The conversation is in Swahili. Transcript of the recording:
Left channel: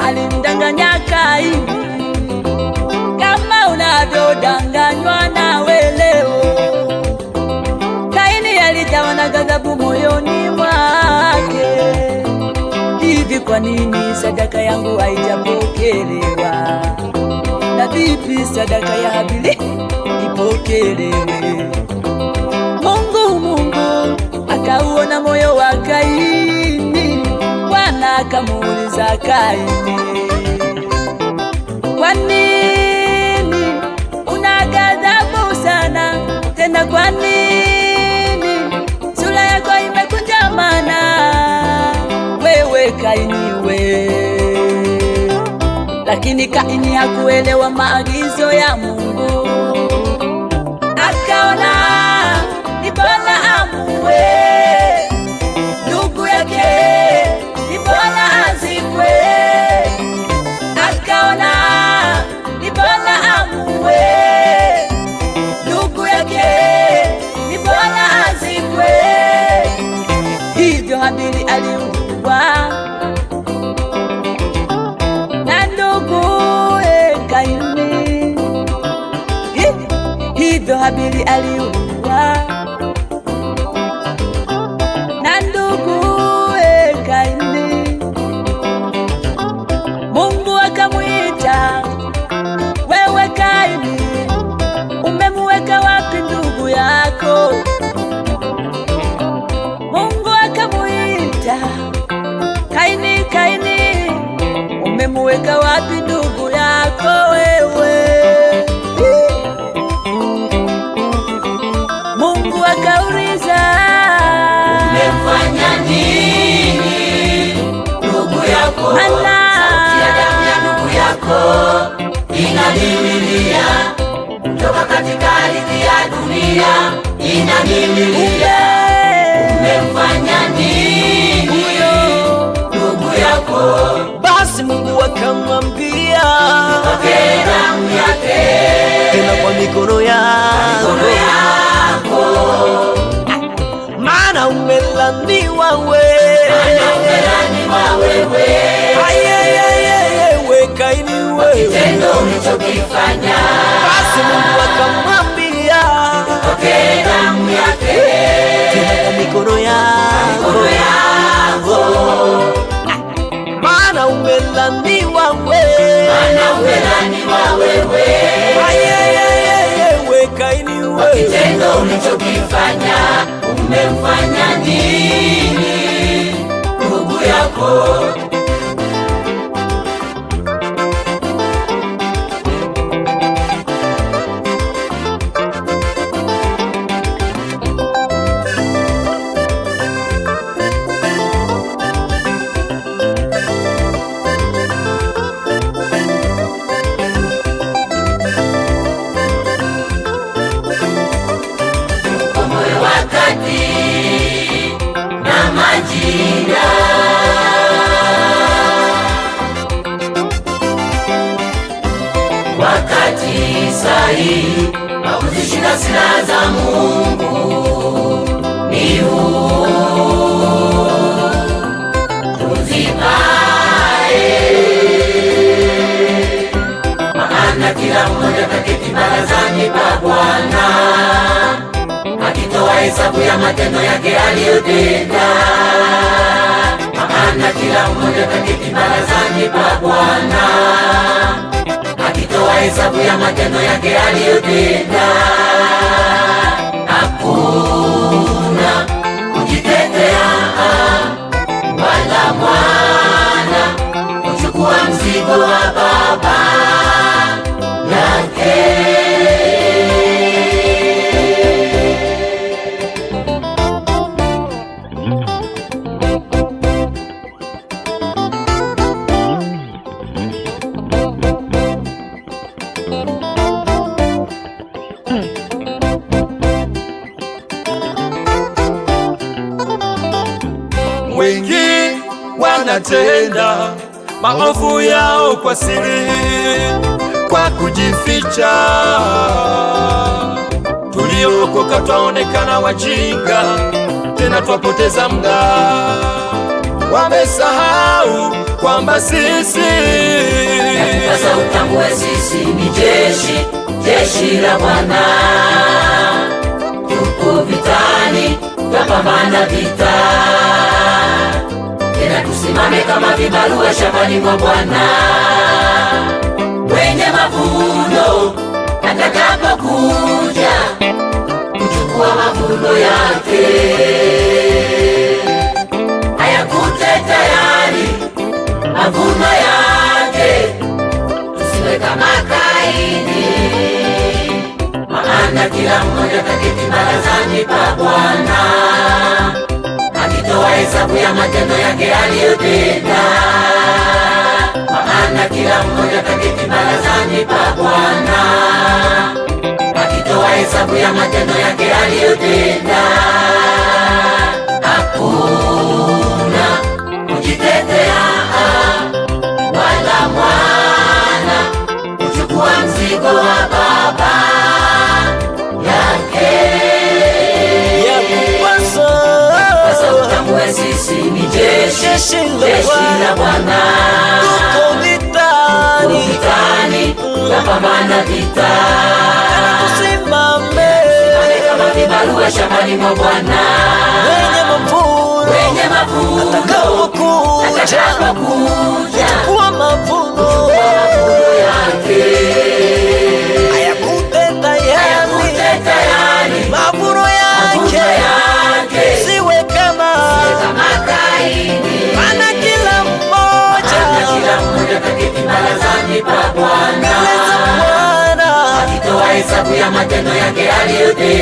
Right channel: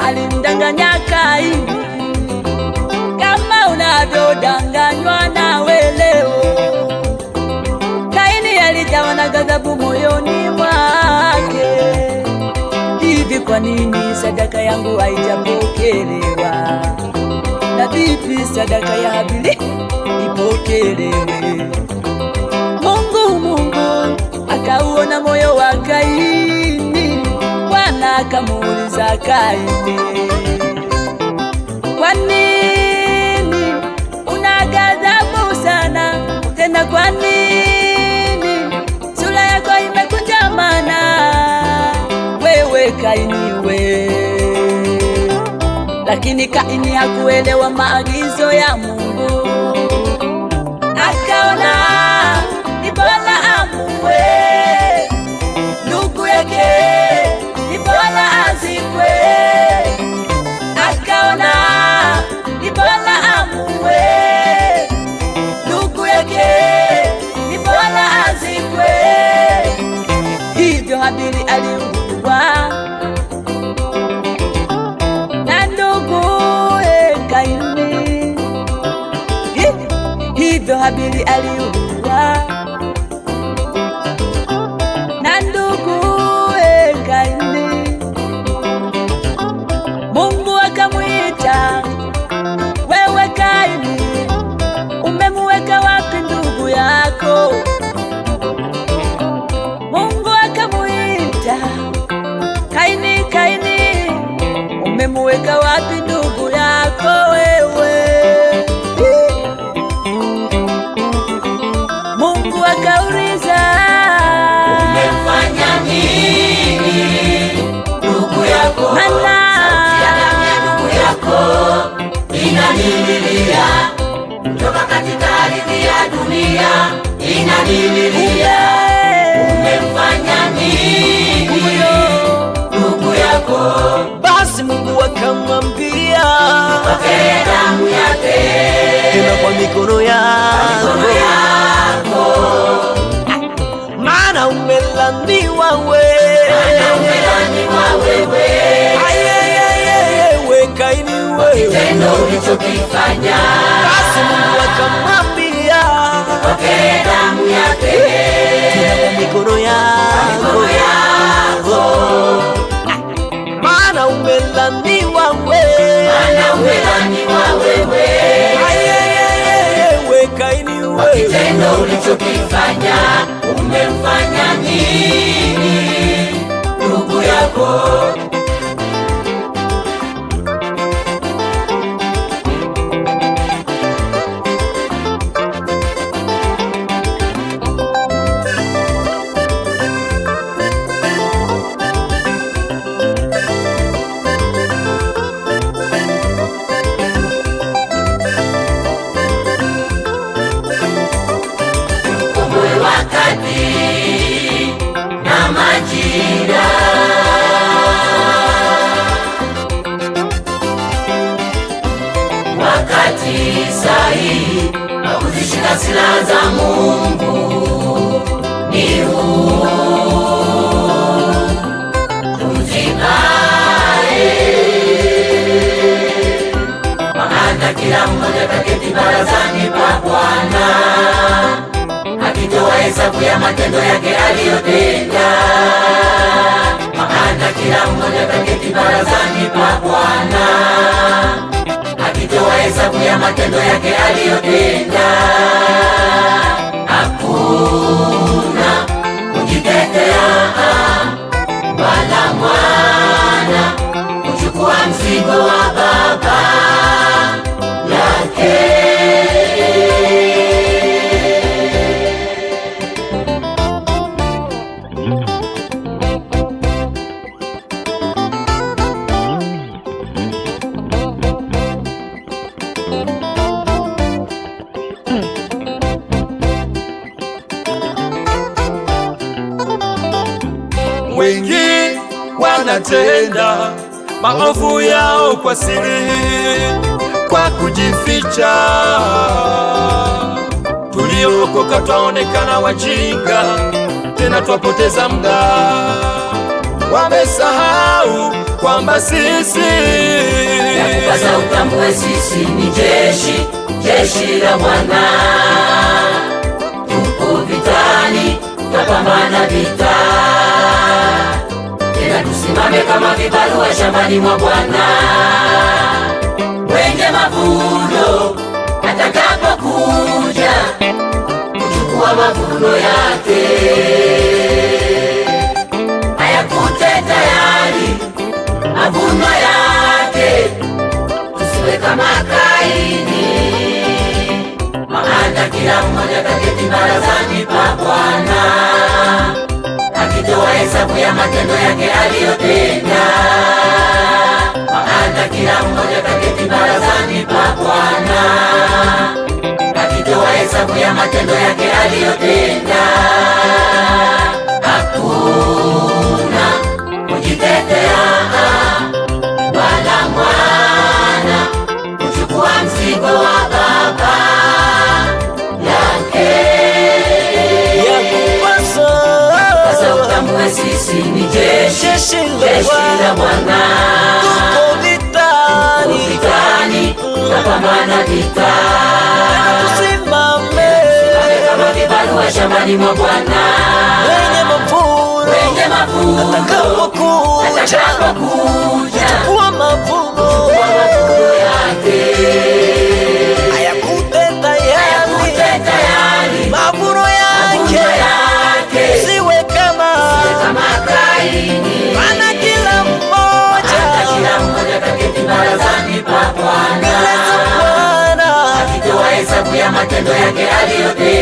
Alimdanganya Kaini kama unavyodanganywa nawe leo. Kaini alijawa na ghadhabu moyoni mwake. Hivi kwa nini sadaka yangu haijapokelewa? Na vipi sadaka ya Habili ipokelewe? Mungu akauona moyo wa Kaini. Bwana akamuuliza Kaini, kwa nini una ghadhabu sana? Tena kwa nini sura yako imekunjamana? Wewe Kaini we. Lakini Kaini hakuelewa maagizo ya Mungu. Akaona ni bora amue ndugu yake, ni bora azikwe. Akaona ni bora amue ndugu yake, ni bora azikwe. Hivyo Habili aliuawa na nduguye Kaini. Hivyo Habili aliuawa na nduguye Kaini. Mungu akamwita, wewe Kaini, umemuweka wapi ndugu yako? Mungu akamwita, Kaini, Kaini, umemuweka wapi ndugu yako wewe? Mungu akauliza, umefanya nini ndugu yako? Maana ndugu yako inanililia toka katika ardhi ya dunia, inanililia. Umefanya nini huyo ndugu yako? Basi Mungu akamwambia, damu yake tena kwa mikono yako, maana umelaniwa wewe Kaini wewe, ulichokifanya. basi Mungu akamwambia, damu yake tena kwa mikono yako, maana umelaniwa wewe Kaini wewe, ulichokifanya. Umemfanya nini ndugu yako? Silaha za Mungu ni huu, tuzikae, maana kila mmoja kaketi barazani pa Bwana, akitoa hesabu ya matendo yake aliyotenda. Maana kila mmoja kaketi barazani pa Bwana, akitoa hesabu ya matendo yake aliyotenda. wanatenda maovu yao kwa siri, kwa kujificha. Tuliokoka twaonekana wajinga, tena twapoteza muda. Wamesahau kwamba sisi sasa utambue sisi ni jeshi la Bwana. Tuko vitani, tunapambana vita, tena tusimame kama vibarua shambani mwa Bwana. Wenye mavuno atakapokuja kuchukua mavuno yake, hayakute tayari mavuno yake. Tusiwe kama Kaini, maana kila mmoja ataketi barazani pa Bwana, akitoa hesabu ya matendo yake aliyotenda. Maana kila mmoja ataketi barazani pa Bwana, akitoa hesabu ya matendo yake aliyotenda. Hakuna kujitetea wala mwana kuchukua mzigo wa baba yake. Yakupasa Sasa utambue sisi ni jeshi la Bwana. tuko vitani, Tunapambana vita, tena tusimame kama vibarua shambani mwa Bwana. wenye mavuno atakapokuja kuchukua mavuno hayakute tayari mavuno yake. Siwe kama maana kila mmoja mbele za Bwana hesabu ya matendo yake aliyotenda.